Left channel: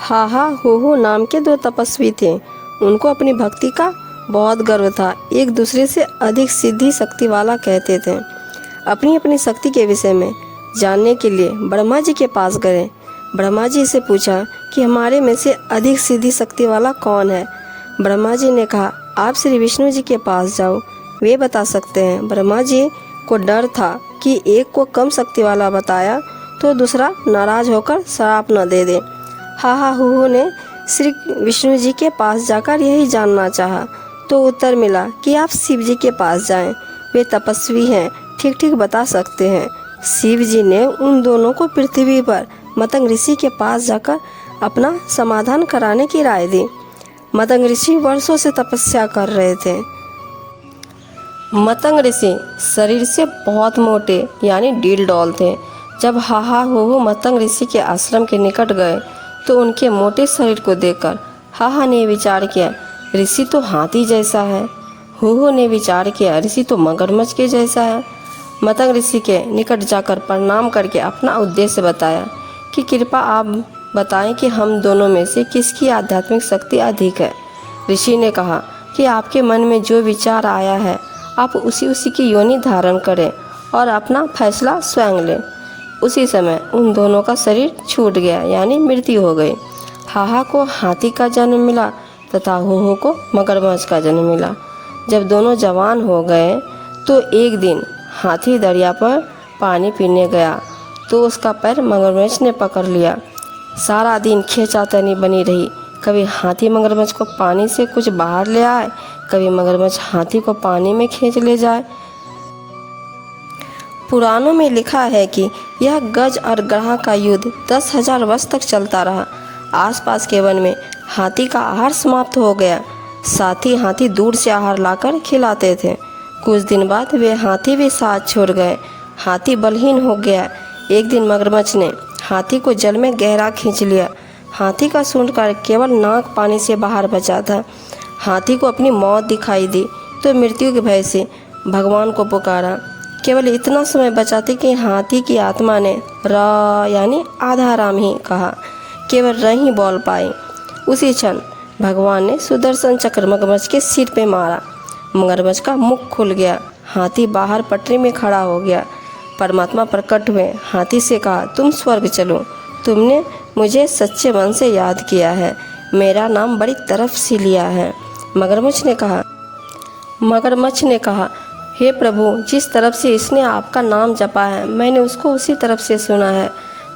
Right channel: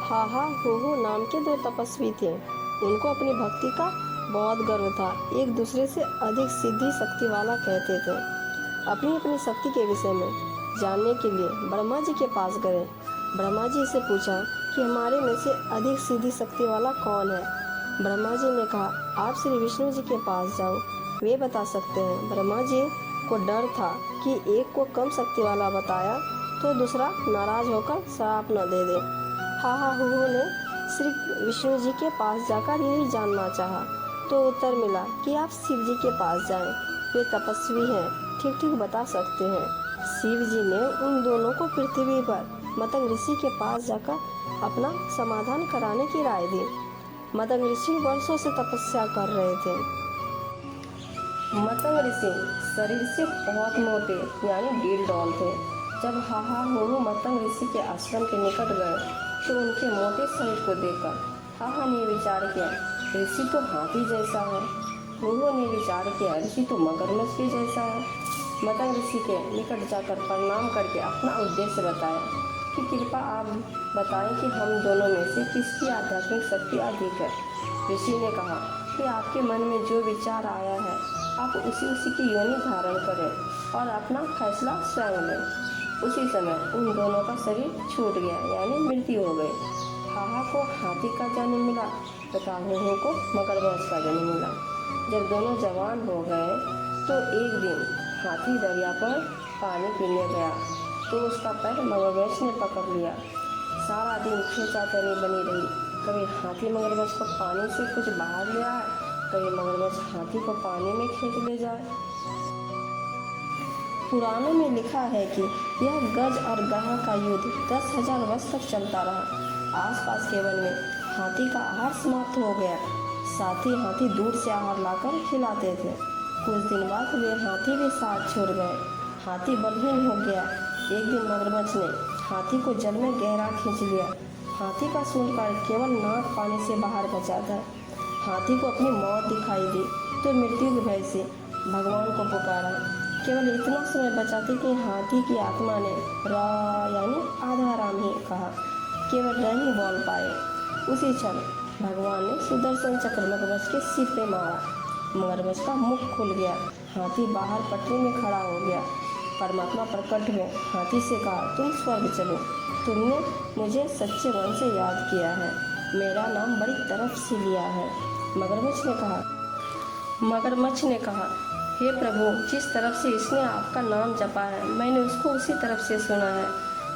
हाहा हो नाम के दो तपस्वी थे। उनको अपनी भक्ति का बहुत गर्व था। एक दूसरे से अधिक सिद्धि शक्ति वाला कहते थे। अपनी अपनी शक्ति के विषय में जानने के लिए ब्रह्मा जी के पास गए। ब्रह्मा जी से पूछा कि हमारे में से अधिक सिद्धि शक्ति वाला कौन है। ब्रह्मा जी ने कहा, आप श्री विष्णु जी के पास जाओ, वे बता सकते हैं। ब्रह्मा जी को डर था कि एक को कम शक्ति वाला बताया तो दूसरा नाराज होकर श्राप न दे दे। हाहा हूहू ने श्री विष्णु जी के पास जाकर यही जानना चाहा तो उत्तर मिला कि आप शिव जी के पास जाएं, वे तपस्वी हैं, ठीक ठीक बता सकते हैं। शिव जी ने उन दोनों को पृथ्वी पर मतंग ऋषि के पास जाकर अपना समाधान कराने की राय दी। मतंग ऋषि वर्षों से तपस्या कर रहे थे। मतंग ऋषि शरीर से बहुत मोटे यानी डील डॉल थे। जब हाहा हूहू मतंग ऋषि के आश्रम के निकट गए तो उनके मोटे शरीर को देखकर हाहा ने विचार किया, ऋषि तो हाथी जैसा है। हूहू ने विचार किया, ऋषि तो मगरमच्छ के जैसा है। मतंग ऋषि के निकट जाकर प्रणाम करके अपना उद्देश्य बताया कि कृपा आप बताएं कि हम दोनों में से किसकी आध्यात्मिक शक्ति अधिक है। ऋषि ने कहा कि आपके मन में जो विचार आया है आप उसी की योनि धारण करें और अपना फैसला स्वयं लें। उसी समय उन दोनों का शरीर छूट गया यानी मृत्यु हो गई। हाहा को हाथी का जन्म मिला तथा हूहू को मगरमच्छ का जन्म मिला। जब दोनों जवान हो गए तो एक दिन हाथी दरिया पर पानी पीने गया तो उसका पैर मगरमच्छ ने पकड़ लिया। सारा दिन खींचातानी बनी रही। कभी हाथी मगरमच्छ को पानी से कुछ बाहर ले आए, कभी मगरमच्छ हाथी को पानी में खींच ले जाए। पुराणों में लिखा है कि यह गज और ग्रह का युद्ध 10,000 वर्ष तक चलता रहा। आसपास के वन में हाथी का आहार समाप्त हो गया। साथ ही हाथी दूर से आहार लाकर खिलाते थे। कुछ दिन बाद वे हाथी भी साथ छोड़ गए। हाथी बलहीन हो गया। एक दिन मगरमच्छ ने हाथी को जल में गहरा खींच लिया। हाथी का सूंड का केवल नाक पानी से बाहर बचा था। हाथी को अपनी मौत दिखाई दी तो मृत्यु के भय से भगवान को पुकारा। केवल इतना समय बचा था कि हाथी की आत्मा ने र यानी आधा राम ही कहा, केवल र ही बोल पाए। उसी क्षण भगवान ने सुदर्शन चक्र मगरमच्छ के सिर पे मारा। मगरमच्छ का मुख खुल गया। हाथी बाहर पटरी में खड़ा हो गया। परमात्मा प्रकट हुए। हाथी से कहा, तुम स्वर्ग चलो, तुमने मुझे सच्चे मन से याद किया है, मेरा नाम बड़ी तरफ से लिया है। मगरमच्छ ने कहा, हे प्रभु, जिस तरफ से इसने आपका नाम जपा है मैंने उसको उसी तरफ से सुना है,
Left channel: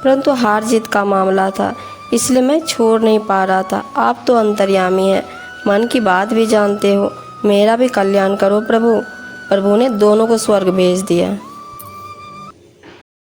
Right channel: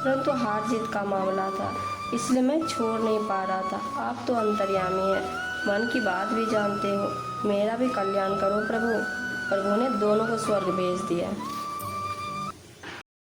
परंतु हार जीत का मामला था इसलिए मैं छोड़ नहीं पा रहा था। आप तो अंतर्यामी हैं, मन की बात भी जानते हो, मेरा भी कल्याण करो प्रभु। प्रभु ने दोनों को स्वर्ग भेज दिया।